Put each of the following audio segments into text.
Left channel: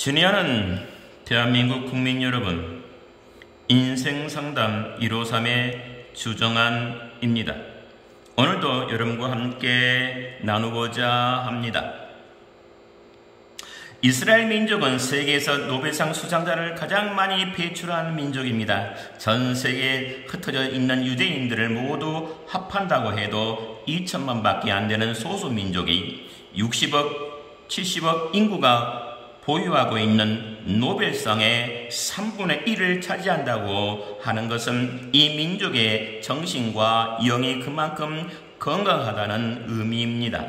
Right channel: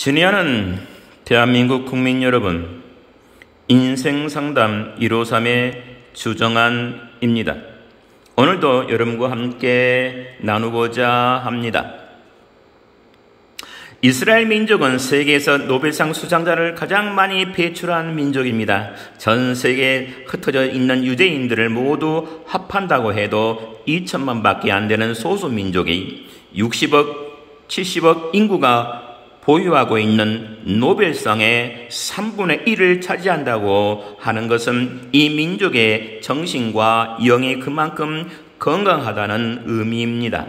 친애하는 대한민국 국민 여러분, 인생상담 153의 주정한입니다. 오늘도 여러분과 함께 나누고자 합니다. 이스라엘 민족은 세계에서 노벨상 수상자를 가장 많이 배출한 민족입니다. 전 세계에 흩어져 있는 유대인들을 모두 합한다고 해도 2천만 밖에 안 되는 소수민족이 60억, 70억 인구가 보유하고 있는 노벨상의 3분의 1을 차지한다고 하는 것은 이 민족의 정신과 영이 그만큼 건강하다는 의미입니다.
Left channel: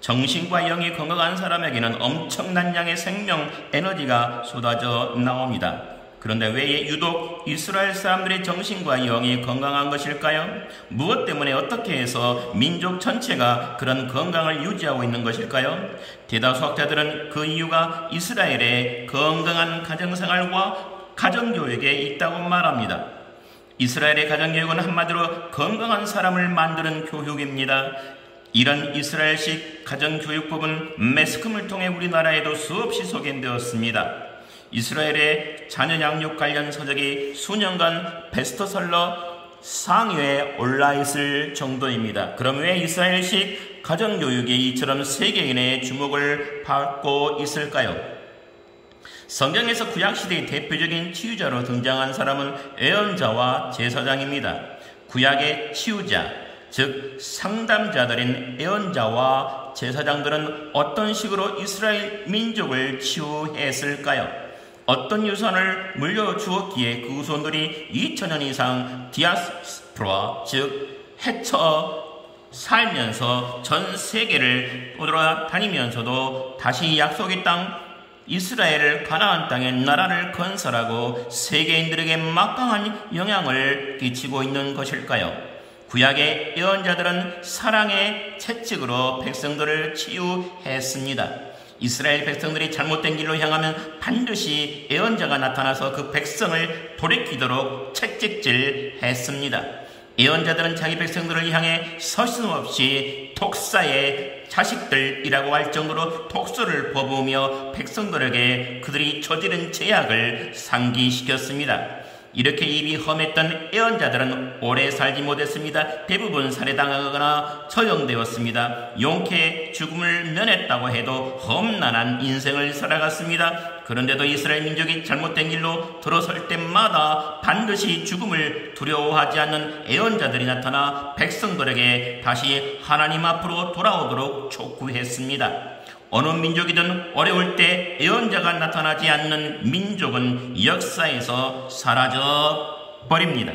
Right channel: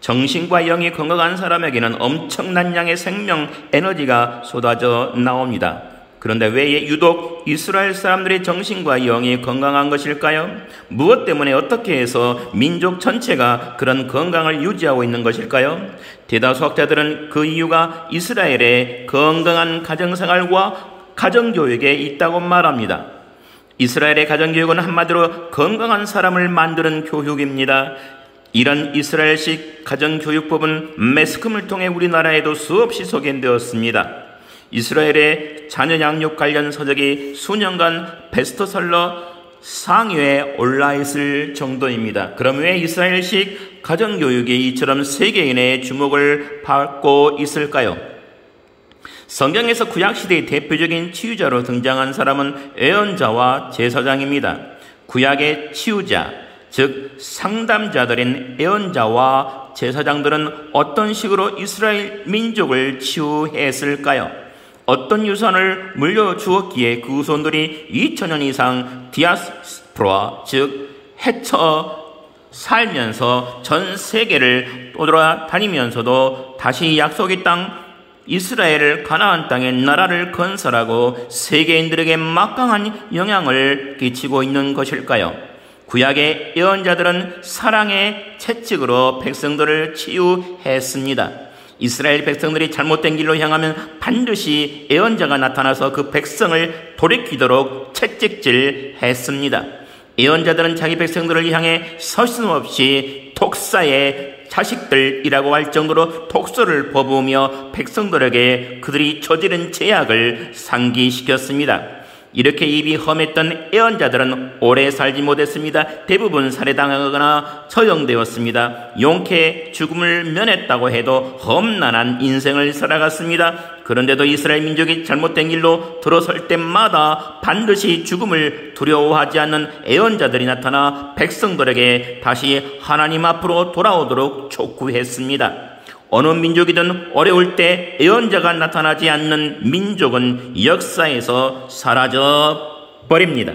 정신과 영이 건강한 사람에게는 엄청난 양의 생명 에너지가 쏟아져 나옵니다. 그런데 왜 유독 이스라엘 사람들의 정신과 영이 건강한 것일까요? 무엇 때문에 어떻게 해서 민족 전체가 그런 건강을 유지하고 있는 것일까요? 대다수 학자들은 그 이유가 이스라엘의 건강한 가정생활과 가정교육에 있다고 말합니다. 이스라엘의 가정교육은 한마디로 건강한 사람을 만드는 교육입니다. 이런 이스라엘식 가정교육법은 매스컴을 통해 우리나라에도 수없이 소개되었습니다. 이스라엘의 자녀 양육 관련 서적이 수년간 베스트셀러 상위에 올라있을 정도입니다. 그럼 왜 이스라엘식 가정교육이 이처럼 세계인의 주목을 받고 있을까요? 성경에서 구약시대의 대표적인 치유자로 등장한 사람은 예언자와 제사장입니다. 구약의 치유자, 즉 상담자들인 예언자와 제사장들은 어떤 식으로 이스라엘 민족을 치유했을까요? 어떤 유산을 물려주었기에 그 후손들이 2000년 이상 디아스포라, 즉 헤쳐 살면서 전 세계를 떠돌아다니면서도 다시 약속의 땅 이스라엘을 가나안 땅의 나라를 건설하고 세계인들에게 막강한 영향을 끼치고 있는 것일까요? 구약의 예언자들은 사랑의 채찍으로 백성들을 치유했습니다. 이스라엘 백성들이 잘못된 길로 향하면 반드시 예언자가 나타나서 그 백성을 돌이키도록 채찍질했습니다. 예언자들은 자기 백성들을 향해 서슴없이 독사의 자식들이라고 할 정도로 독소를 퍼부으며 백성들에게 그들이 저지른 죄악을 상기시켰습니다. 이렇게 입이 험했던 예언자들은 오래 살지 못했습니다. 대부분 살해당하거나 처형되었습니다. 용케 죽음을 면했다고 해도 험난한 인생을 살아갔습니다. 그런데도 이스라엘 민족이 잘못된 길로 들어설 때마다 반드시 죽음을 두려워하지 않는 예언자들이 나타나 백성들에게 다시 하나님 앞으로 돌아오도록 촉구했습니다. 어느 민족이든 어려울 때 예언자가 나타나지 않는 민족은 역사에서 사라져 버립니다.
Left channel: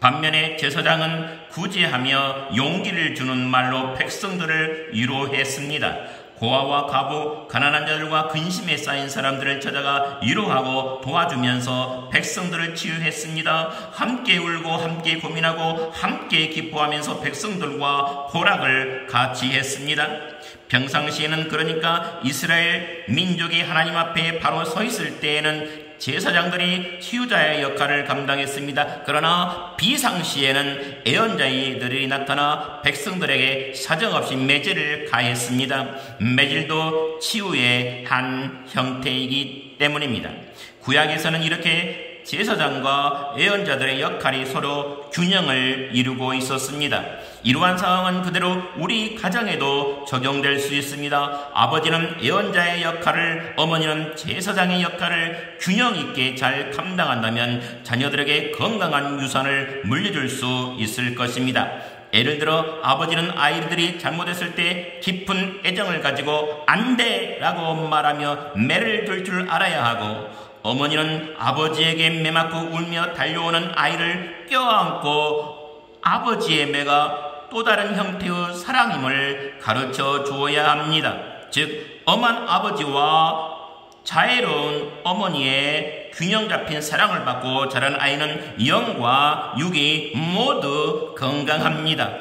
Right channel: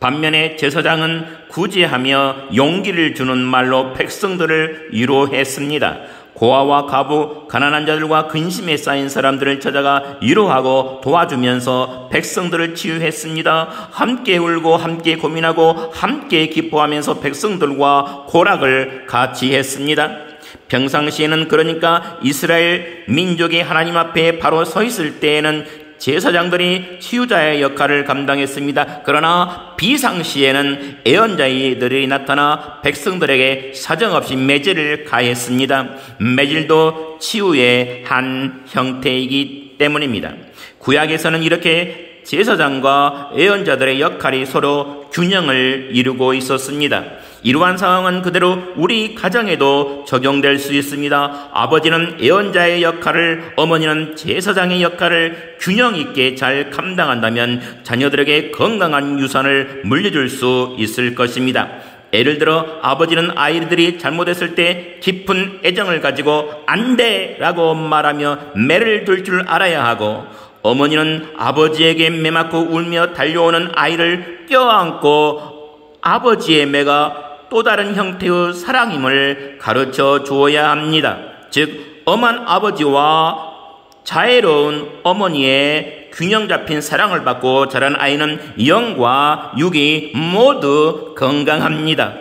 반면에 제사장은 구제하며 용기를 주는 말로 백성들을 위로했습니다. 고아와 과부, 가난한 자들과 근심에 쌓인 사람들을 찾아가 위로하고 도와주면서 백성들을 치유했습니다. 함께 울고 함께 고민하고 함께 기뻐하면서 백성들과 고락을 같이 했습니다. 평상시에는 그러니까 이스라엘 민족이 하나님 앞에 바로 서 있을 때에는 제사장들이 치유자의 역할을 감당했습니다. 그러나 비상시에는 예언자들이 나타나 백성들에게 사정없이 매질을 가했습니다. 매질도 치유의 한 형태이기 때문입니다. 구약에서는 이렇게 제사장과 예언자들의 역할이 서로 균형을 이루고 있었습니다. 이러한 상황은 그대로 우리 가정에도 적용될 수 있습니다. 아버지는 예언자의 역할을, 어머니는 제사장의 역할을 균형 있게 잘 감당한다면 자녀들에게 건강한 유산을 물려줄 수 있을 것입니다. 예를 들어 아버지는 아이들이 잘못했을 때 깊은 애정을 가지고 안 돼! 라고 말하며 매를 둘 줄 알아야 하고, 어머니는 아버지에게 매맞고 울며 달려오는 아이를 껴안고 아버지의 매가 또 다른 형태의 사랑임을 가르쳐 주어야 합니다. 즉 엄한 아버지와 자애로운 어머니의 균형 잡힌 사랑을 받고 자란 아이는 영과 육이 모두 건강합니다.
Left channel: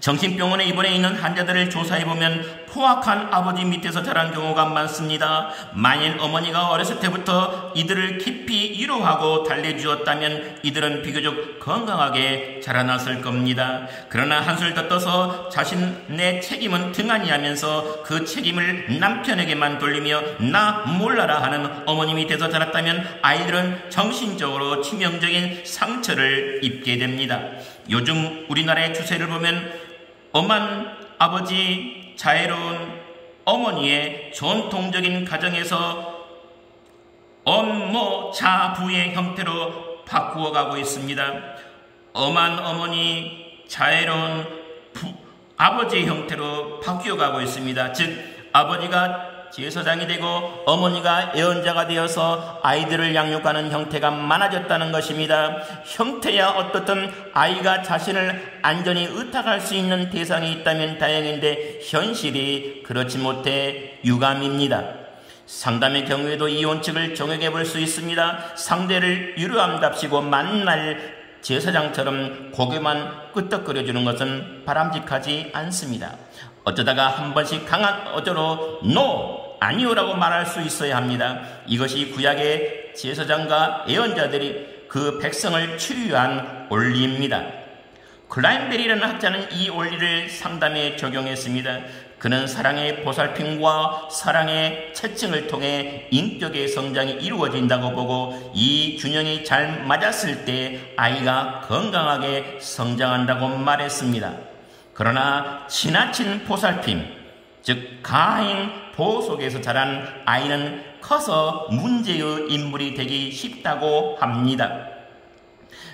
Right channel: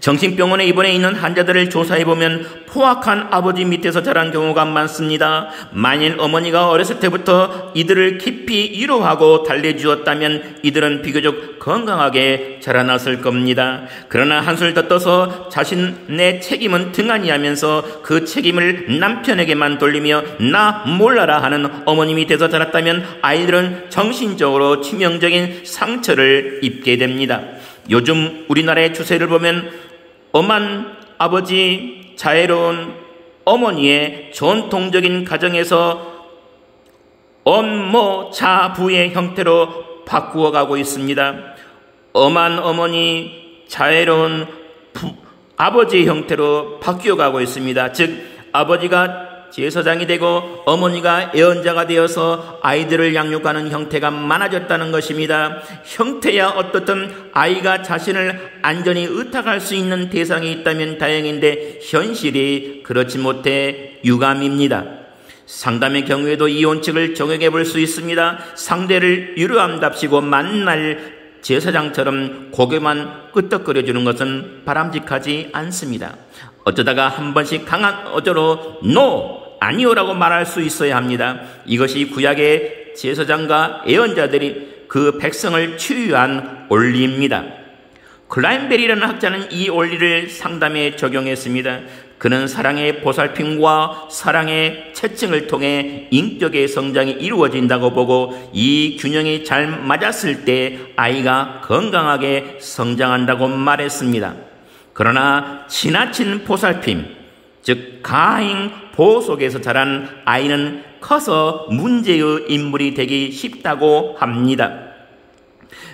정신병원에 입원해 있는 환자들을 조사해보면 포악한 아버지 밑에서 자란 경우가 많습니다. 만일 어머니가 어렸을 때부터 이들을 깊이 위로하고 달래주었다면 이들은 비교적 건강하게 자라났을 겁니다. 그러나 한술 더 떠서 자신의 책임은 등한히 하면서 그 책임을 남편에게만 돌리며 나 몰라라 하는 어머니 밑에서 자랐다면 아이들은 정신적으로 치명적인 상처를 입게 됩니다. 요즘 우리나라의 추세를 보면 엄한 아버지, 자애로운 어머니의 전통적인 가정에서 엄모자부의 형태로 바꾸어가고 있습니다. 엄한 어머니, 자애로운 아버지의 형태로 바뀌어가고 있습니다. 즉 아버지가 제사장이 되고 어머니가 애언자가 되어서 아이들을 양육하는 형태가 많아졌다는 것입니다. 형태야 어떻든 아이가 자신을 안전히 의탁할 수 있는 대상이 있다면 다행인데 현실이 그렇지 못해 유감입니다. 상담의 경우에도 이 원칙을 적용해 볼 수 있습니다. 상대를 유료함답시고 만날 제사장처럼 고개만 끄덕거려주는 것은 바람직하지 않습니다. 어쩌다가 한 번씩 강한 어조로 NO! 아니오라고 말할 수 있어야 합니다. 이것이 구약의 제사장과 예언자들이 그 백성을 치유한 원리입니다. 클라인베리라는 학자는 이 원리를 상담에 적용했습니다. 그는 사랑의 보살핌과 사랑의 채증을 통해 인격의 성장이 이루어진다고 보고 이 균형이 잘 맞았을 때 아이가 건강하게 성장한다고 말했습니다. 그러나 지나친 보살핌, 즉 가행 보호 속에서 자란 아이는 커서 문제의 인물이 되기 쉽다고 합니다.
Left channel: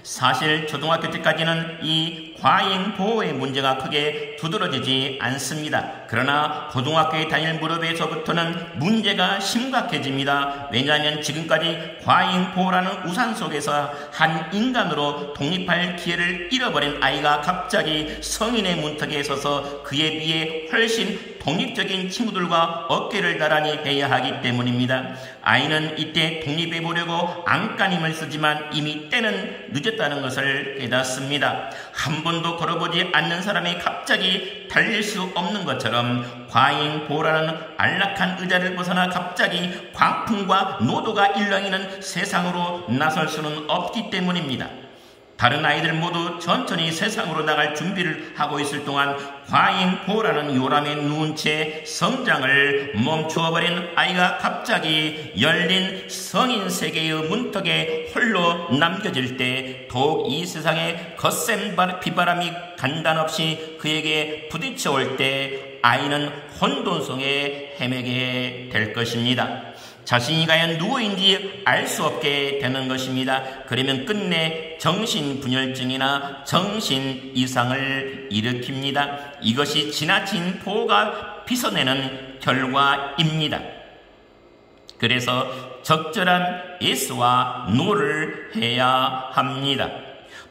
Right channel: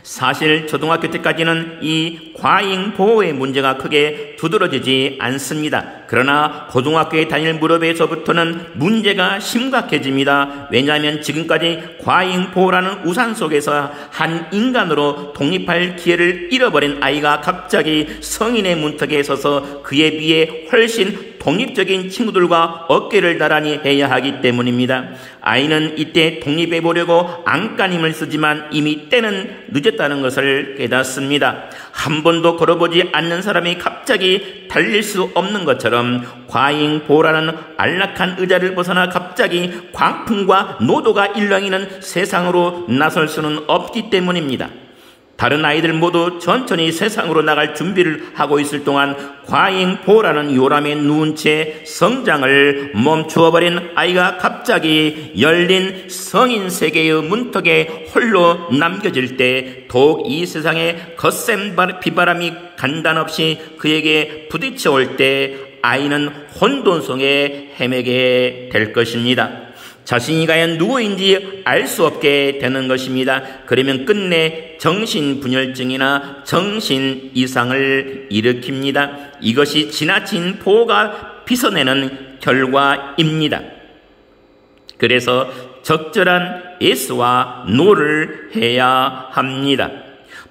사실 초등학교 때까지는 이 과잉 보호의 문제가 크게 두드러지지 않습니다. 그러나 고등학교에 다닐 무렵에서부터는 문제가 심각해집니다. 왜냐하면 지금까지 과잉 보호라는 우산 속에서 한 인간으로 독립할 기회를 잃어버린 아이가 갑자기 성인의 문턱에 서서 그에 비해 훨씬 독립적인 친구들과 어깨를 나란히 해야 하기 때문입니다. 아이는 이때 독립해보려고 안간힘을 쓰지만 이미 때는 늦었다는 것을 깨닫습니다. 한 번도 걸어보지 않는 사람이 갑자기 달릴 수 없는 것처럼 과잉 보호라는 안락한 의자를 벗어나 갑자기 광풍과 노도가 일렁이는 세상으로 나설 수는 없기 때문입니다. 다른 아이들 모두 천천히 세상으로 나갈 준비를 하고 있을 동안 과잉 보호라는 요람에 누운 채 성장을 멈추어버린 아이가 갑자기 열린 성인 세계의 문턱에 홀로 남겨질 때 더욱 이 세상에 거센 비바람이 간단없이 그에게 부딪혀올 때 아이는 혼돈성에 헤매게 될 것입니다. 자신이 과연 누구인지 알 수 없게 되는 것입니다. 그러면 끝내 정신분열증이나 정신 이상을 일으킵니다. 이것이 지나친 보호가 빚어내는 결과입니다. 그래서 적절한 예스와 노를 해야 합니다.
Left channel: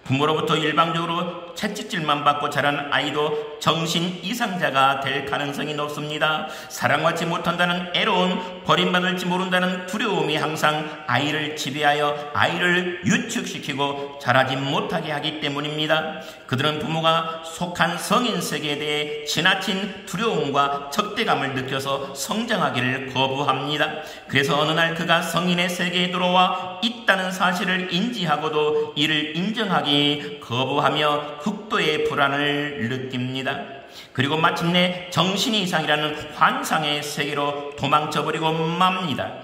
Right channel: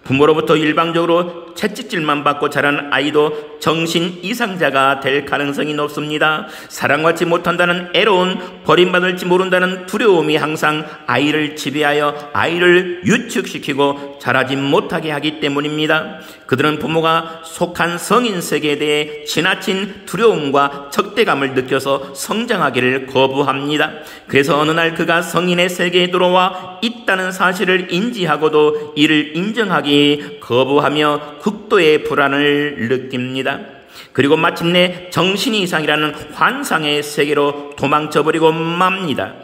부모로부터 일방적으로 채찍질만 받고 자란 아이도 정신 이상자가 될 가능성이 높습니다. 사랑받지 못한다는 애로운, 버림받을지 모른다는 두려움이 항상 아이를 지배하여 아이를 유축시키고 자라지 못하게 하기 때문입니다. 그들은 부모가 속한 성인 세계에 대해 지나친 두려움과 적대감을 느껴서 성장하기를 거부합니다. 그래서 어느 날 그가 성인의 세계에 들어와 있다는 사실을 인지하고도 이를 인정하기 거부하며 극도의 불안을 느낍니다. 그리고 마침내 정신이 이상이라는 환상의 세계로 도망쳐버리고 맙니다.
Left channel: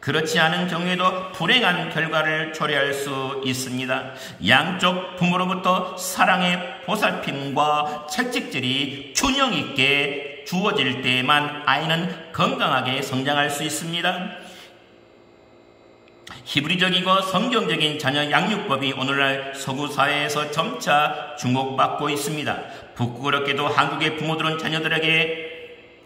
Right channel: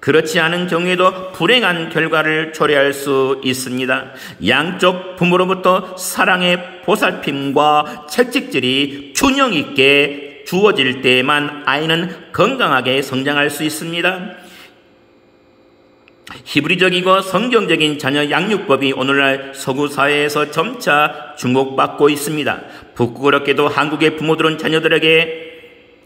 그렇지 않은 경우에도 불행한 결과를 초래할 수 있습니다. 양쪽 부모로부터 사랑의 보살핌과 채찍질이 균형 있게 주어질 때에만 아이는 건강하게 성장할 수 있습니다. 히브리적이고 성경적인 자녀 양육법이 오늘날 서구 사회에서 점차 주목받고 있습니다. 부끄럽게도 한국의 부모들은 자녀들에게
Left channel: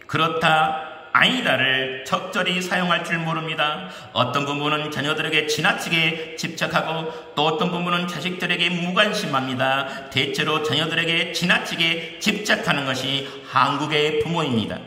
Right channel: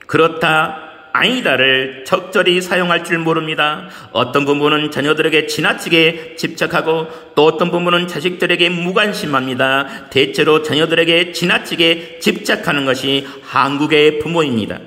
그렇다 아니다를 적절히 사용할 줄 모릅니다. 어떤 부모는 자녀들에게 지나치게 집착하고 또 어떤 부모는 자식들에게 무관심합니다. 대체로 자녀들에게 지나치게 집착하는 것이 한국의 부모입니다.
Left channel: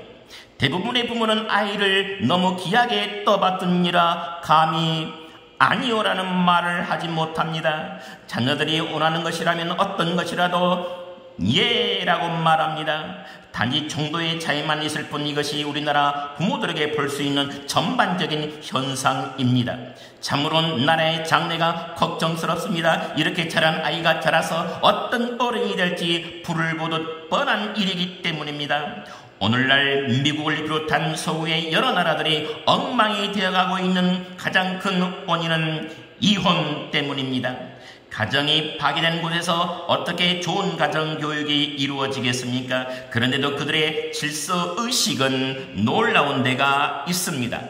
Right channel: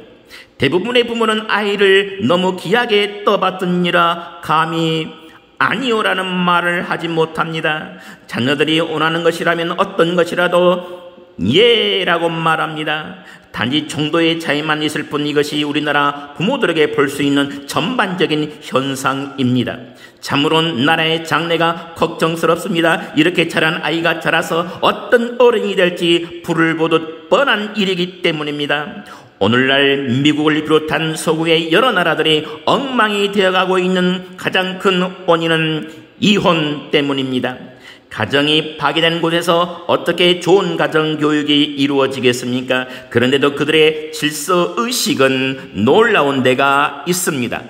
대부분의 부모는 아이를 너무 귀하게 떠받드니라 감히 아니오라는 말을 하지 못합니다. 자녀들이 원하는 것이라면 어떤 것이라도 예라고 말합니다. 단지 정도의 차이만 있을 뿐 이것이 우리나라 부모들에게 볼 수 있는 전반적인 현상입니다. 참으로 나라의 장래가 걱정스럽습니다. 이렇게 자란 아이가 자라서 어떤 어른이 될지 불을 보듯 뻔한 일이기 때문입니다. 오늘날 미국을 비롯한 서구의 여러 나라들이 엉망이 되어가고 있는 가장 큰 원인은 이혼 때문입니다. 가정이 파괴된 곳에서 어떻게 좋은 가정교육이 이루어지겠습니까? 그런데도 그들의 질서의식은 놀라운 데가 있습니다.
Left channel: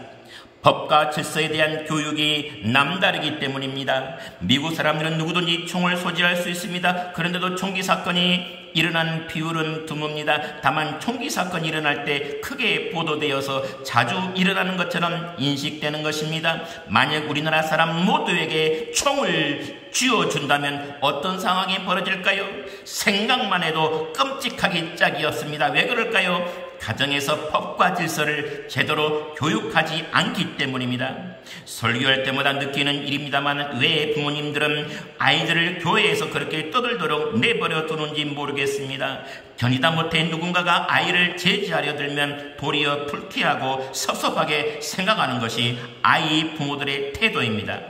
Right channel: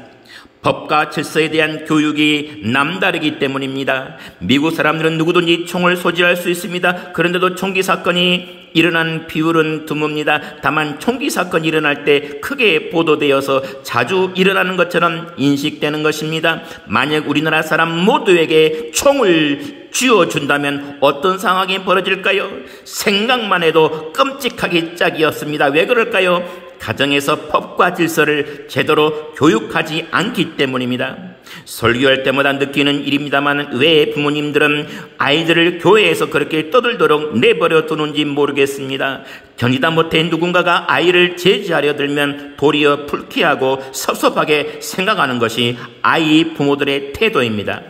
법과 질서에 대한 교육이 남다르기 때문입니다. 미국 사람들은 누구든지 총을 소지할 수 있습니다. 그런데도 총기 사건이 일어난 비율은 드뭅니다. 다만 총기 사건이 일어날 때 크게 보도되어서 자주 일어나는 것처럼 인식되는 것입니다. 만약 우리나라 사람 모두에게 총을 쥐어준다면 어떤 상황이 벌어질까요? 생각만 해도 끔찍하기 짝이었습니다. 왜 그럴까요? 가정에서 법과 질서를 제대로 교육하지 않기 때문입니다. 설교할 때마다 느끼는 일입니다만 왜 부모님들은 아이들을 교회에서 그렇게 떠들도록 내버려 두는지 모르겠습니다. 견디다 못해 누군가가 아이를 제지하려 들면 도리어 불쾌하고 섭섭하게 생각하는 것이 아이 부모들의 태도입니다.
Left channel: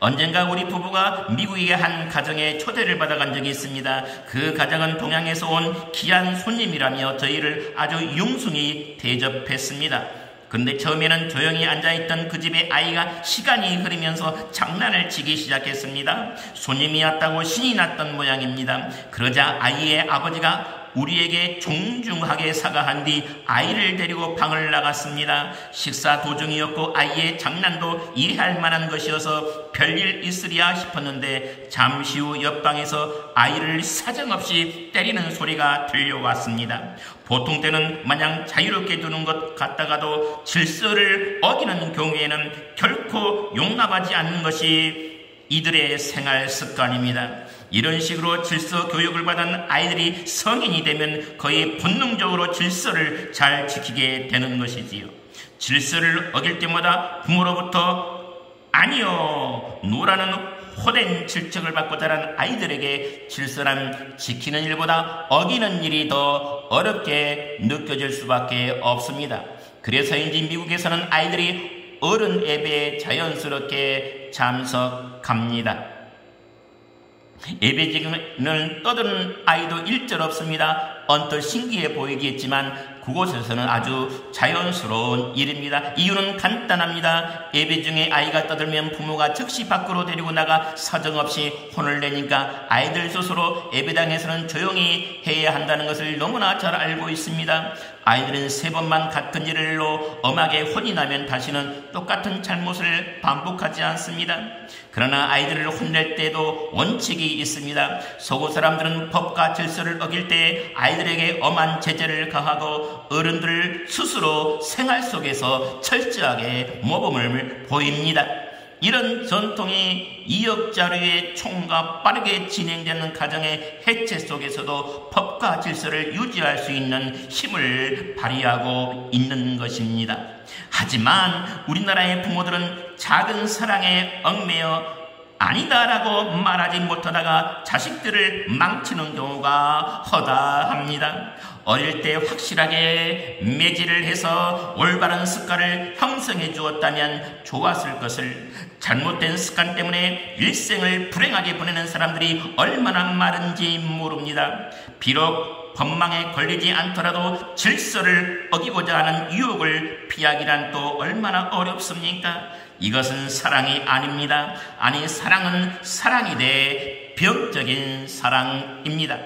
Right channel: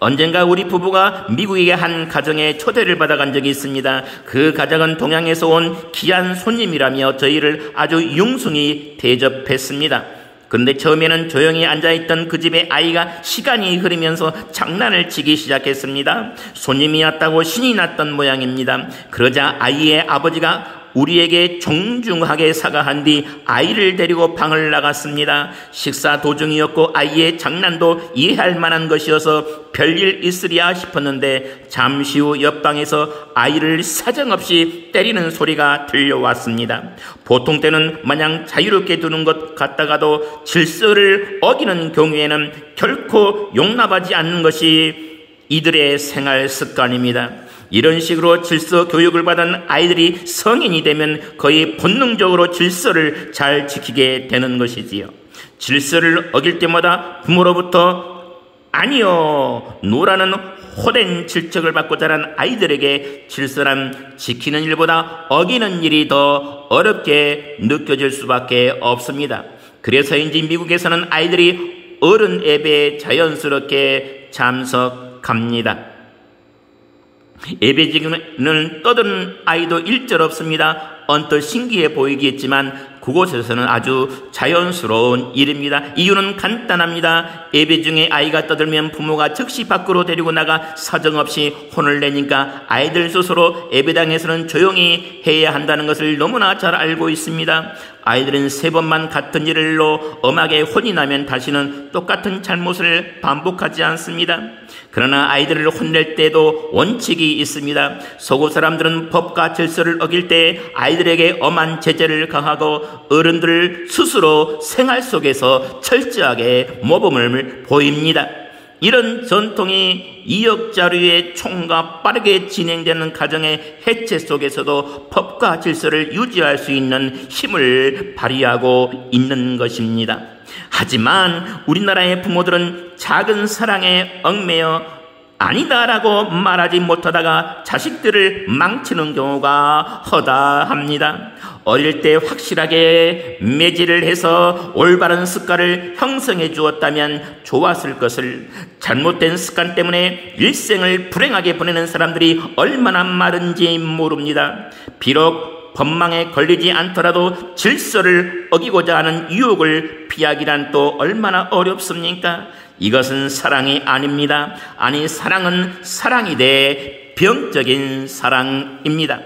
언젠가 우리 부부가 미국의 한 가정에 초대를 받아간 적이 있습니다. 그 가정은 동양에서 온 귀한 손님이라며 저희를 아주 융숭히 대접했습니다. 그런데 처음에는 조용히 앉아있던 그 집의 아이가 시간이 흐르면서 장난을 치기 시작했습니다. 손님이 왔다고 신이 났던 모양입니다. 그러자 아이의 아버지가 우리에게 정중하게 사과한 뒤 아이를 데리고 방을 나갔습니다. 식사 도중이었고 아이의 장난도 이해할 만한 것이어서 별일 있으리야 싶었는데 잠시 후 옆방에서 아이를 사정없이 때리는 소리가 들려왔습니다. 보통 때는 마냥 자유롭게 두는 것 같다가도 질서를 어기는 경우에는 결코 용납하지 않는 것이 이들의 생활 습관입니다. 이런 식으로 질서 교육을 받은 아이들이 성인이 되면 거의 본능적으로 질서를 잘 지키게 되는 것이지요. 질서를 어길 때마다 부모로부터 아니요, 노라는 호된 질책을 받고 자란 아이들에게 질서란 지키는 일보다 어기는 일이 더 어렵게 느껴질 수밖에 없습니다. 그래서인지 미국에서는 아이들이 어른 예배에 자연스럽게 참석합니다. 예배지는 떠드는 아이도 일절 없습니다. 언뜻 신기해 보이겠지만 그곳에서는 아주 자연스러운 일입니다. 이유는 간단합니다. 예배 중에 아이가 떠들면 부모가 즉시 밖으로 데리고 나가 사정없이 혼을 내니까 아이들 스스로 예배당에서는 조용히 해야 한다는 것을 너무나 잘 알고 있습니다. 아이들은 3번만 같은 일로 엄하게 혼이 나면 다시는 똑같은 잘못을 반복하지 않습니다. 그러나 아이들을 혼낼 때도 원칙이 있습니다. 서구 사람들은 법과 질서를 어길 때 아이들에게 엄한 제재를 가하고 어른들 스스로 생활 속에서 철저하게 모범을 보입니다. 이런 전통이 이역자류의 총과 빠르게 진행되는 가정의 해체 속에서도 법과 질서를 유지할 수 있는 힘을 발휘하고 있는 것입니다. 하지만 우리나라의 부모들은 작은 사랑에 얽매여 아니다라고 말하지 못하다가 자식들을 망치는 경우가 허다합니다. 어릴 때 확실하게 매질을 해서 올바른 습관을 형성해 주었다면 좋았을 것을 잘못된 습관 때문에 일생을 불행하게 보내는 사람들이 얼마나 많은지 모릅니다. 비록 법망에 걸리지 않더라도 질서를 어기고자 하는 유혹을 피하기란 또 얼마나 어렵습니까? 이것은 사랑이 아닙니다. 아니, 사랑은 사랑이 돼 병적인 사랑입니다.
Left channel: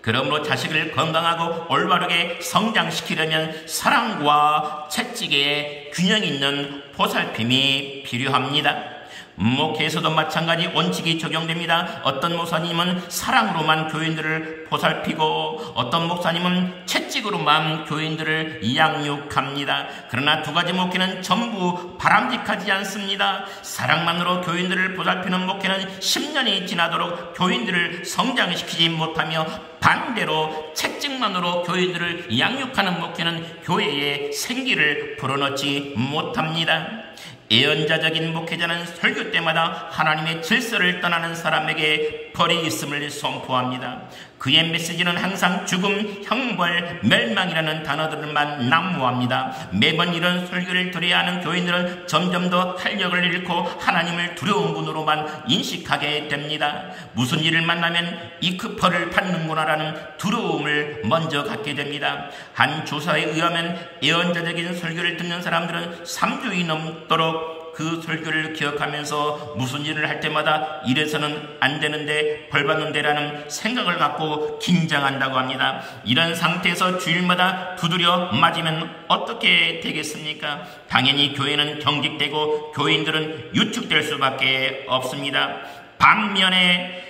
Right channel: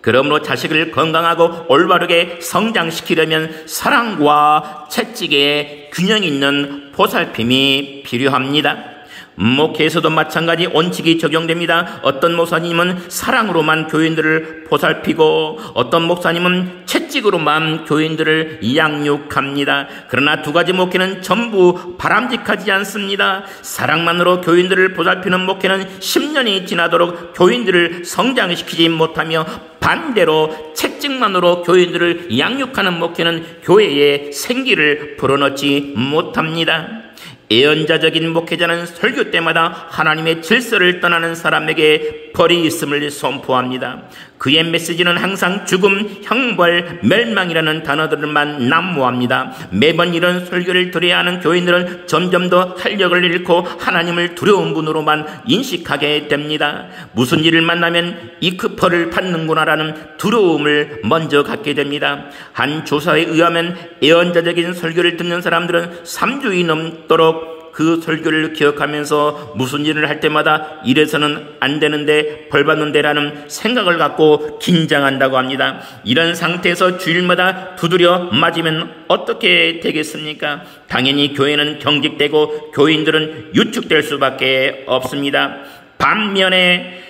그러므로 자식을 건강하고 올바르게 성장시키려면 사랑과 채찍의 균형 있는 보살핌이 필요합니다. 목회에서도 마찬가지 원칙이 적용됩니다. 어떤 목사님은 사랑으로만 교인들을 보살피고 어떤 목사님은 채찍으로만 교인들을 양육합니다. 그러나 두 가지 목회는 전부 바람직하지 않습니다. 사랑만으로 교인들을 보살피는 목회는 10년이 지나도록 교인들을 성장시키지 못하며 반대로 채찍만으로 교인들을 양육하는 목회는 교회에 생기를 불어넣지 못합니다. 예언자적인 목회자는 설교 때마다 하나님의 질서를 떠나는 사람에게 벌이 있음을 선포합니다. 그의 메시지는 항상 죽음, 형벌, 멸망이라는 단어들만 난무합니다. 매번 이런 설교를 들어야 하는 교인들은 점점 더 활력을 잃고 하나님을 두려운 분으로만 인식하게 됩니다. 무슨 일을 만나면 이 크퍼를 받는구나라는 두려움을 먼저 갖게 됩니다. 한 조사에 의하면 예언자적인 설교를 듣는 사람들은 3주이 넘도록 그 설교를 기억하면서 무슨 일을 할 때마다 이래서는 안 되는데 벌 받는데라는 생각을 갖고 긴장한다고 합니다. 이런 상태에서 주일마다 두드려 맞으면 어떻게 되겠습니까? 당연히 교회는 경직되고 교인들은 유축될 수밖에 없습니다. 반면에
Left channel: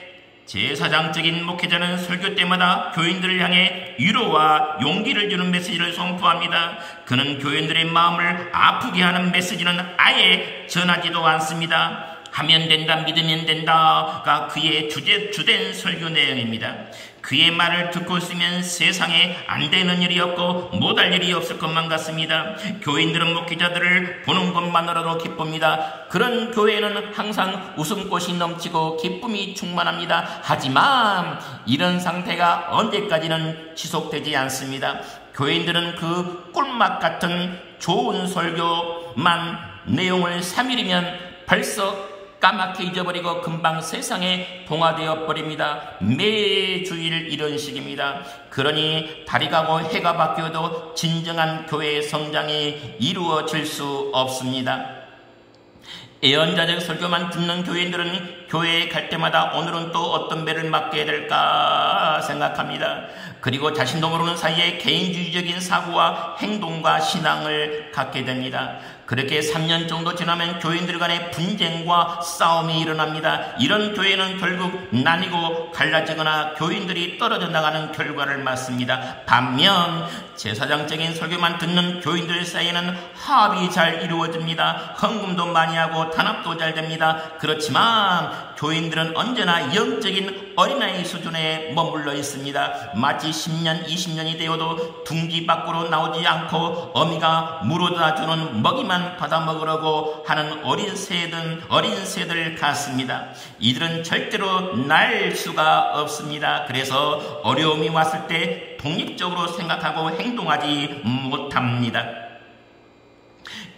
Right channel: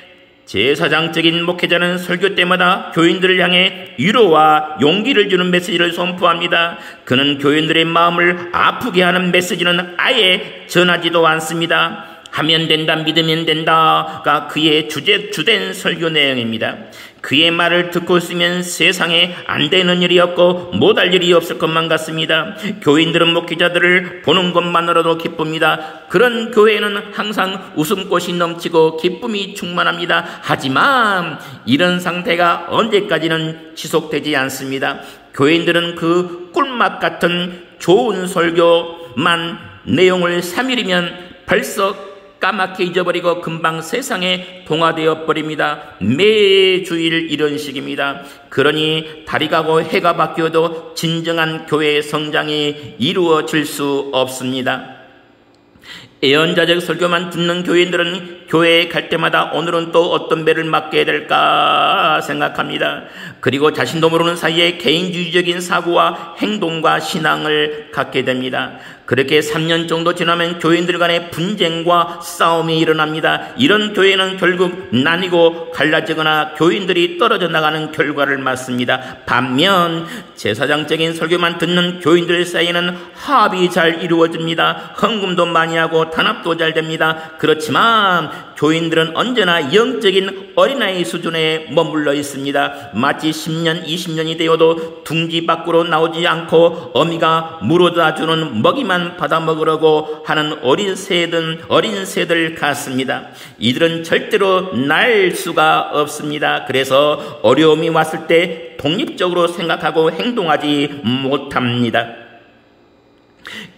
제사장적인 목회자는 설교 때마다 교인들을 향해 위로와 용기를 주는 메시지를 선포합니다. 그는 교인들의 마음을 아프게 하는 메시지는 아예 전하지도 않습니다. 하면 된다, 믿으면 된다가 그의 주된 설교 내용입니다. 그의 말을 듣고 있으면 세상에 안 되는 일이 없고 못할 일이 없을 것만 같습니다. 교인들은 목회자들을 보는 것만으로도 기쁩니다. 그런 교회는 항상 웃음꽃이 넘치고 기쁨이 충만합니다. 하지만 이런 상태가 언제까지는 지속되지 않습니다. 교인들은 그 꿀맛 같은 좋은 설교만 내용을 3일이면 벌써 까맣게 잊어버리고 금방 세상에 동화되어 버립니다. 매주일 이런 식입니다. 그러니 달이 가고 해가 바뀌어도 진정한 교회의 성장이 이루어질 수 없습니다. 예언자적 설교만 듣는 교인들은 교회에 갈 때마다 오늘은 또 어떤 배를 맞게 될까 생각합니다. 그리고 자신도 모르는 사이에 개인주의적인 사고와 행동과 신앙을 갖게 됩니다. 그렇게 3년 정도 지나면 교인들 간의 분쟁과 싸움이 일어납니다. 이런 교회는 결국 나뉘고 갈라지거나 교인들이 떨어져 나가는 결과를 맞습니다. 반면 제사장적인 설교만 듣는 교인들 사이에는 화합이 잘 이루어집니다. 헌금도 많이 하고 단합도 잘 됩니다. 그렇지만 교인들은 언제나 영적인 어린아이 수준에 머물러 있습니다. 마치 10년, 20년이 되어도 둥지 밖으로 나오지 않고 어미가 물어다 주는 먹이만 받아 먹으려고 하는 어린 새들 같습니다. 이들은 절대로 날 수가 없습니다. 그래서 어려움이 왔을 때 독립적으로 생각하고 행동하지 못합니다.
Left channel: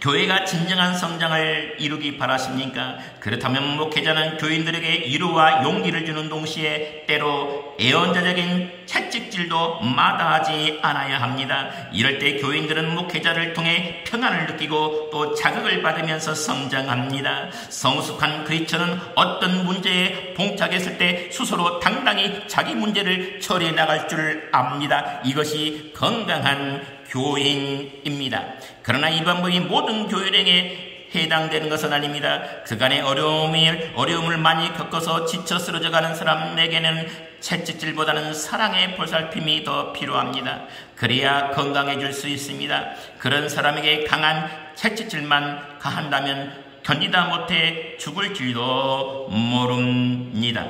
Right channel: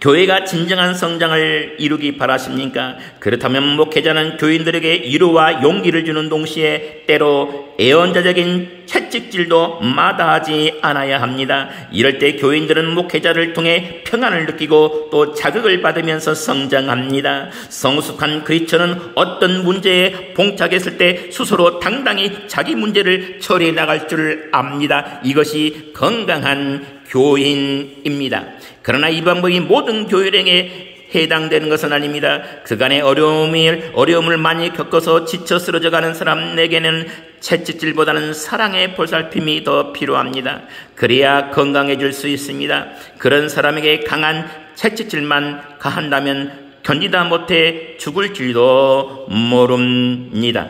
교회가 진정한 성장을 이루기 바라십니까? 그렇다면 목회자는 교인들에게 위로와 용기를 주는 동시에 때로 예언자적인 채찍질도 마다하지 않아야 합니다. 이럴 때 교인들은 목회자를 통해 평안을 느끼고 또 자극을 받으면서 성장합니다. 성숙한 그리스도는 어떤 문제에 봉착했을 때 스스로 당당히 자기 문제를 처리해 나갈 줄 압니다. 이것이 건강한 교인입니다. 그러나 이 방법이 모든 교인에게 해당되는 것은 아닙니다. 그간의 어려움을 많이 겪어서 지쳐 쓰러져가는 사람에게는 채찍질보다는 사랑의 보살핌이 더 필요합니다. 그래야 건강해질 수 있습니다. 그런 사람에게 강한 채찍질만 가한다면 견디다 못해 죽을 줄도 모릅니다.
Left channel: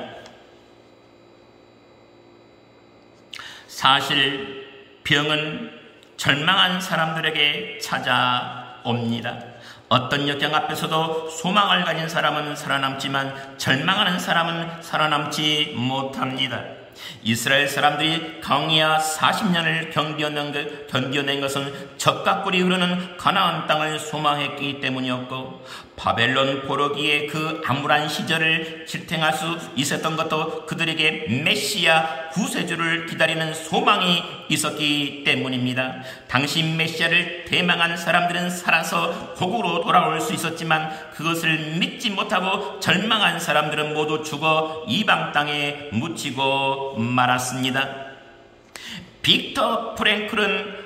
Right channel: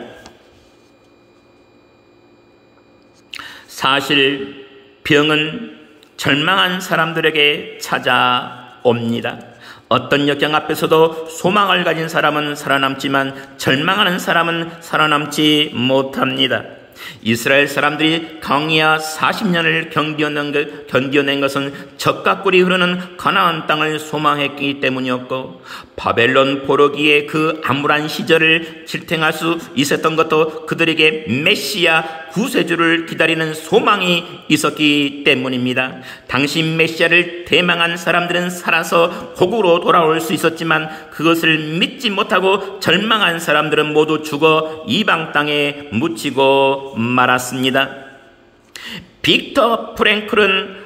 사실 병은 절망한 사람들에게 찾아옵니다. 어떤 역경 앞에서도 소망을 가진 사람은 살아남지만 절망하는 사람은 살아남지 못합니다. 이스라엘 사람들이 광야 40년을 견뎌낸 것은 젖과 꿀이 흐르는 가나안 땅을 소망했기 때문이었고, 바벨론 포로기의 그 암울한 시절을 지탱할 수 있었던 것도 그들에게 메시아 구세주를 기다리는 소망이 있었기 때문입니다. 당시 메시아를 대망한 사람들은 살아서 고국으로 돌아올 수 있었지만 그것을 믿지 못하고 절망한 사람들은 모두 죽어 이방 땅에 묻히고 말았습니다. 빅터 프랭클은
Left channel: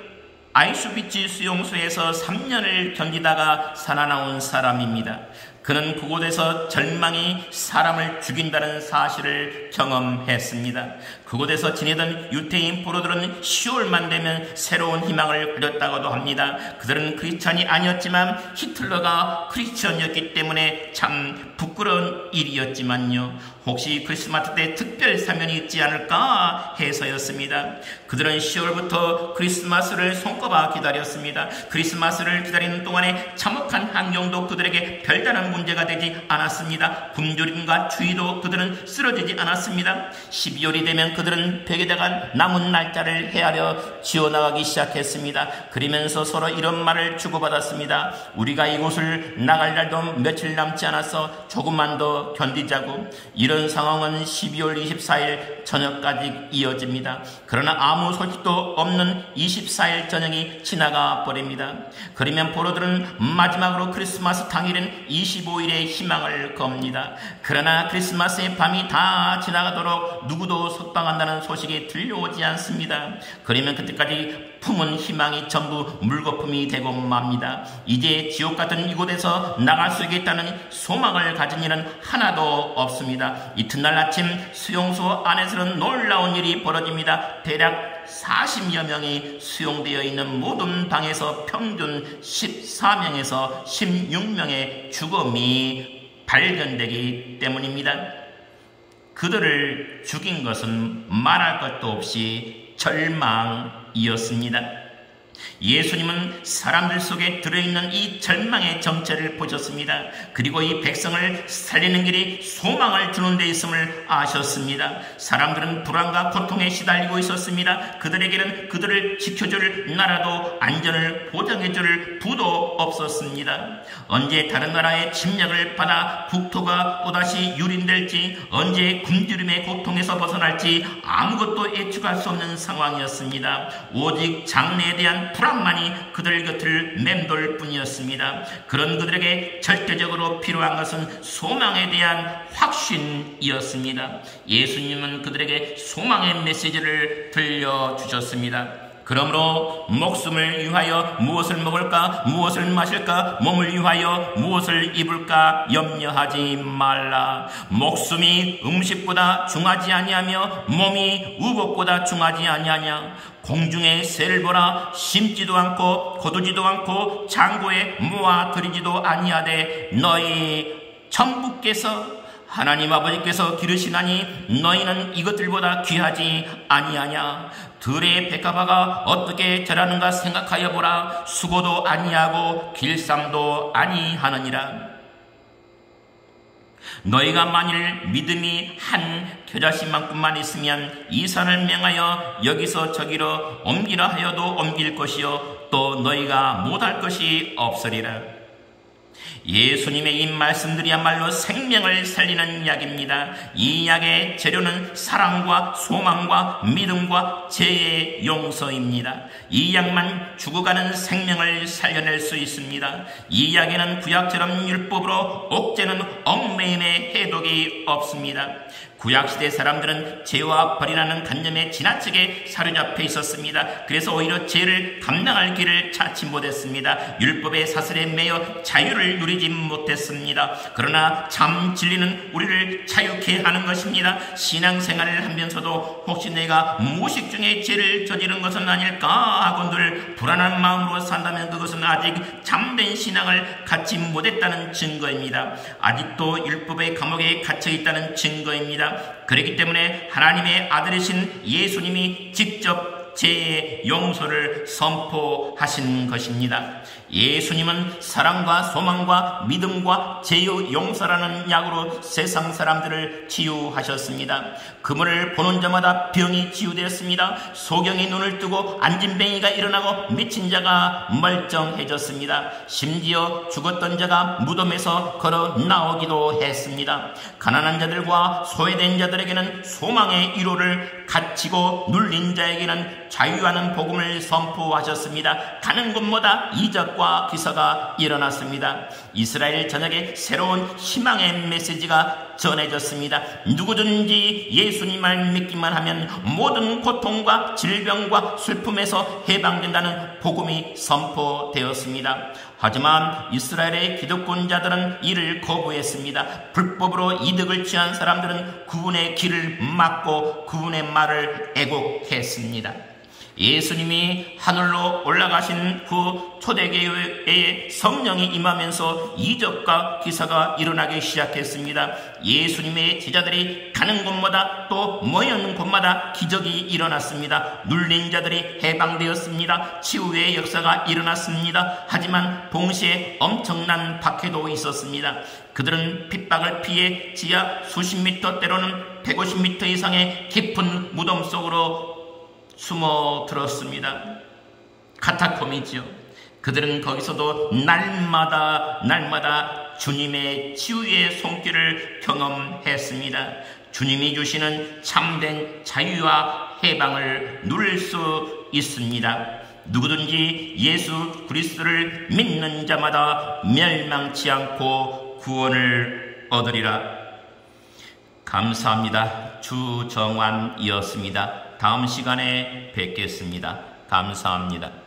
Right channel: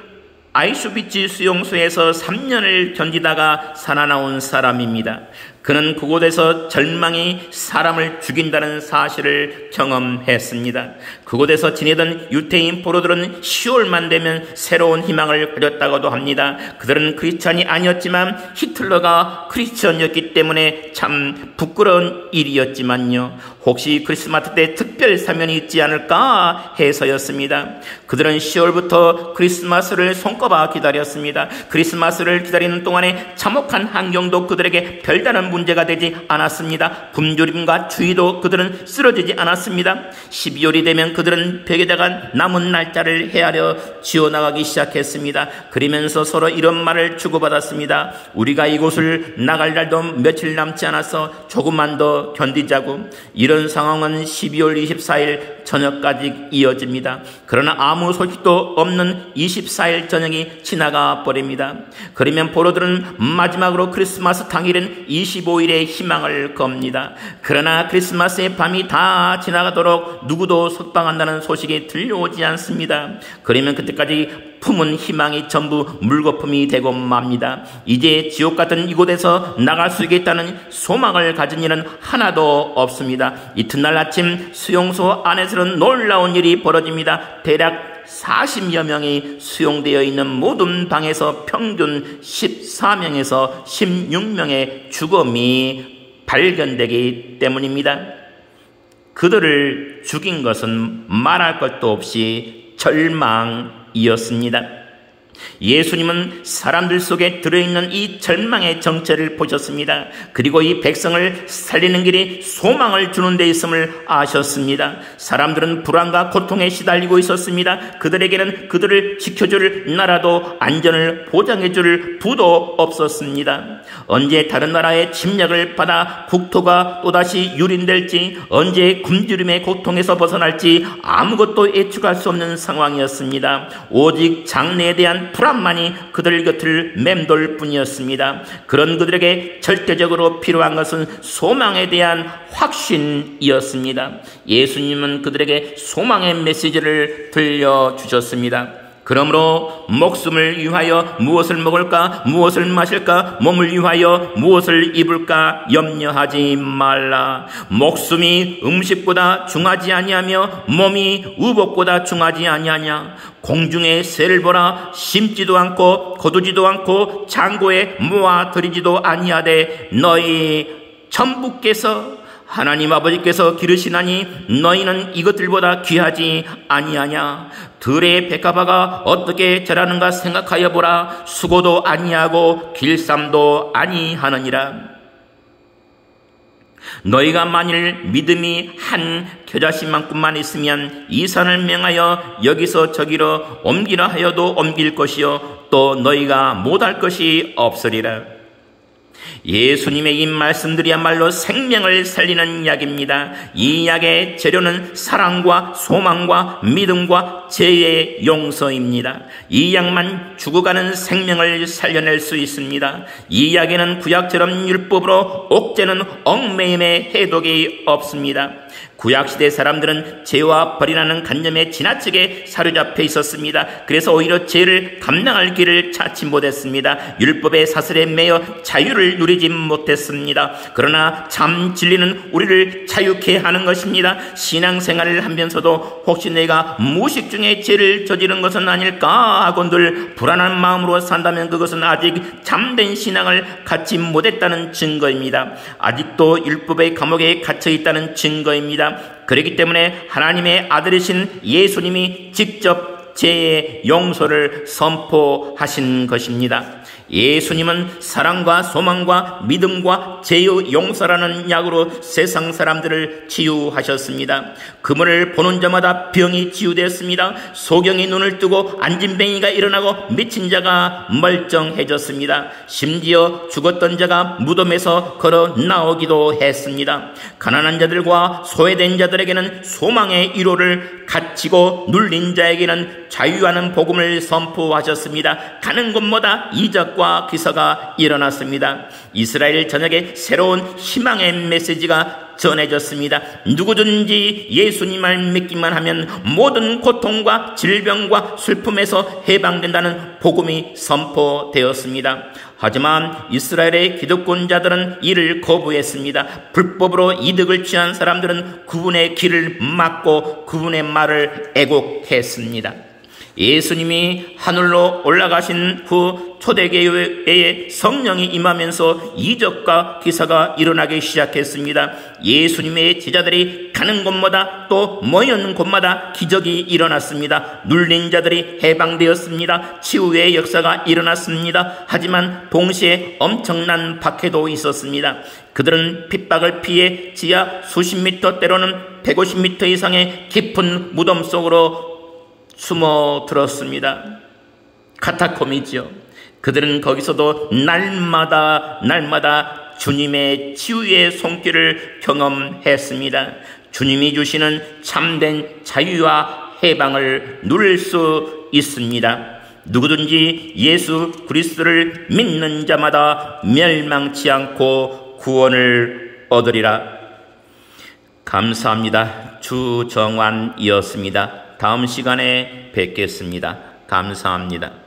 아이슈비츠 수용소에서 3년을 견디다가 살아나온 사람입니다. 그는 그곳에서 절망이 사람을 죽인다는 사실을 경험했습니다. 그곳에서 지내던 유태인 포로들은 10월만 되면 새로운 희망을 가졌다고도 합니다. 그들은 크리스찬이 아니었지만 히틀러가 크리스찬이었기 때문에 참 부끄러운 일이었지만요. 혹시 크리스마스 때 특별 사면이 있지 않을까 해서였습니다. 그들은 10월부터 크리스마스를 손꼽아 기다렸습니다. 크리스마스를 기다리는 동안에 참혹한 환경도 그들에게 별다른 문제가 되지 않았습니다. 굶주림과 추위도 그들은 쓰러지지 않았습니다. 12월이 되면 그들은 벽에다가 남은 날짜를 헤아려 지어나가기 시작했습니다. 그러면서 서로 이런 말을 주고받았습니다. 우리가 이곳을 나갈 날도 며칠 남지 않아서 조금만 더 견디자고. 이런 상황은 12월 24일 저녁까지 이어집니다. 그러나 아무 소식도 없는 24일 저녁이 지나가 버립니다. 그러면 포로들은 마지막으로 크리스마스 당일인 25일에 희망을 겁니다. 그러나 크리스마스의 밤이 다 지나가도록 누구도 석방한다는 소식이 들려오지 않습니다. 그러면 그때까지 품은 희망이 전부 물거품이 되고 맙니다. 이제 지옥 같은 이곳에서 나갈 수 있겠다는 소망을 가진 일은 하나도 없습니다. 이튿날 아침 수용소 안에서는 놀라운 일이 벌어집니다. 대략 40여 명이 수용되어 있는 모든 방에서 평균 14명에서 16명의 죽음이 발견되기 때문입니다. 그들을 죽인 것은 말할 것도 없이 절망이었습니다. 예수님은 사람들 속에 들어있는 이 절망의 정체를 보셨습니다. 그리고 이 백성을 살리는 길이 소망을 주는 데 있음을 아셨습니다. 사람들은 불안과 고통에 시달리고 있었습니다. 그들에게는 그들을 지켜줄 나라도 안전을 보장해줄 부도 없었습니다. 언제 다른 나라의 침략을 받아 국토가 또다시 유린될지, 언제 굶주림의 고통에서 벗어날지 아무것도 예측할 수 없는 상황이었습니다. 오직 장래에 대한 불안만이 그들 곁을 맴돌 뿐이었습니다. 그런 그들에게 절대적으로 필요한 것은 소망에 대한 확신이었습니다. 예수님은 그들에게 소망의 메시지를 들려주셨습니다. 그러므로 목숨을 위하여 무엇을 먹을까, 무엇을 마실까, 몸을 위하여 무엇을 입을까 염려하지 말라. 목숨이 음식보다 중하지 아니하며 몸이 우복보다 중하지 아니하냐. 공중의 새를 보라. 심지도 않고 거두지도 않고 창고에 모아들이지도 아니하되 너희 천부께서 하나님 아버지께서 기르시나니 너희는 이것들보다 귀하지 아니하냐. 들의 백합화가 어떻게 자라는가 생각하여 보라. 수고도 아니하고 길쌈도 아니하느니라. 너희가 만일 믿음이 한 겨자씨만큼만 있으면 이 산을 명하여 여기서 저기로 옮기라 하여도 옮길 것이요 또 너희가 못할 것이 없으리라. 예수님의 이 말씀들이야말로 생명을 살리는 약입니다. 이 약의 재료는 사랑과 소망과 믿음과 죄의 용서입니다. 이 약만 죽어가는 생명을 살려낼 수 있습니다. 이 약에는 구약처럼 율법으로 옥죄는 얽매임의 해독이 없습니다. 구약시대 사람들은 죄와 벌이라는 관념에 지나치게 사로잡혀 있었습니다. 그래서 오히려 죄를 감당할 길을 찾지 못했습니다. 율법의 사슬에 매여 자유를 누리지 못했습니다. 그러나 참 진리는 우리를 자유케 하는 것입니다. 신앙생활을 하면서도 혹시 내가 무의식 중에 죄를 저지른 것은 아닐까 하고 늘 불안한 마음으로 산다면 그것은 아직 참된 신앙을 갖지 못했다는 증거입니다. 아직도 율법의 감옥에 갇혀 있다는 증거입니다. 그렇기 때문에 하나님의 아들이신 예수님이 직접 죄의 용서를 선포하신 것입니다. 예수님은 사랑과 소망과 믿음과 죄의 용서라는 약으로 세상 사람들을 치유하셨습니다. 그물을 보는 자마다 병이 치유되었습니다. 소경이 눈을 뜨고 안진뱅이가 일어나고 미친 자가 멀쩡해졌습니다. 심지어 죽었던 자가 무덤에서 걸어 나오기도 했습니다. 가난한 자들과 소외된 자들에게는 소망의 위로를, 갇히고 눌린 자에게는 자유하는 복음을 선포하셨습니다. 가는 곳마다 이적과 기사가 일어났습니다. 이스라엘 전역에 새로운 희망의 메시지가 전해졌습니다. 누구든지 예수님을 믿기만 하면 모든 고통과 질병과 슬픔에서 해방된다는 복음이 선포되었습니다. 하지만 이스라엘의 기득권자들은 이를 거부했습니다. 불법으로 이득을 취한 사람들은 그분의 길을 막고 그분의 말을 애곡했습니다. 예수님이 하늘로 올라가신 후 초대교회에 성령이 임하면서 이적과 기사가 일어나기 시작했습니다. 예수님의 제자들이 가는 곳마다 또 모이는 곳마다 기적이 일어났습니다. 눌린 자들이 해방되었습니다. 치유의 역사가 일어났습니다. 하지만 동시에 엄청난 박해도 있었습니다. 그들은 핍박을 피해 지하 수십 미터 때로는 150미터 이상의 깊은 무덤 속으로 숨어 들었습니다. 카타콤이지요. 그들은 거기서도 날마다 주님의 치유의 손길을 경험했습니다. 주님이 주시는 참된 자유와 해방을 누릴 수 있습니다. 누구든지 예수 그리스도를 믿는 자마다 멸망치 않고 구원을 얻으리라. 감사합니다. 주정환이었습니다. 다음 시간에 뵙겠습니다. 감사합니다.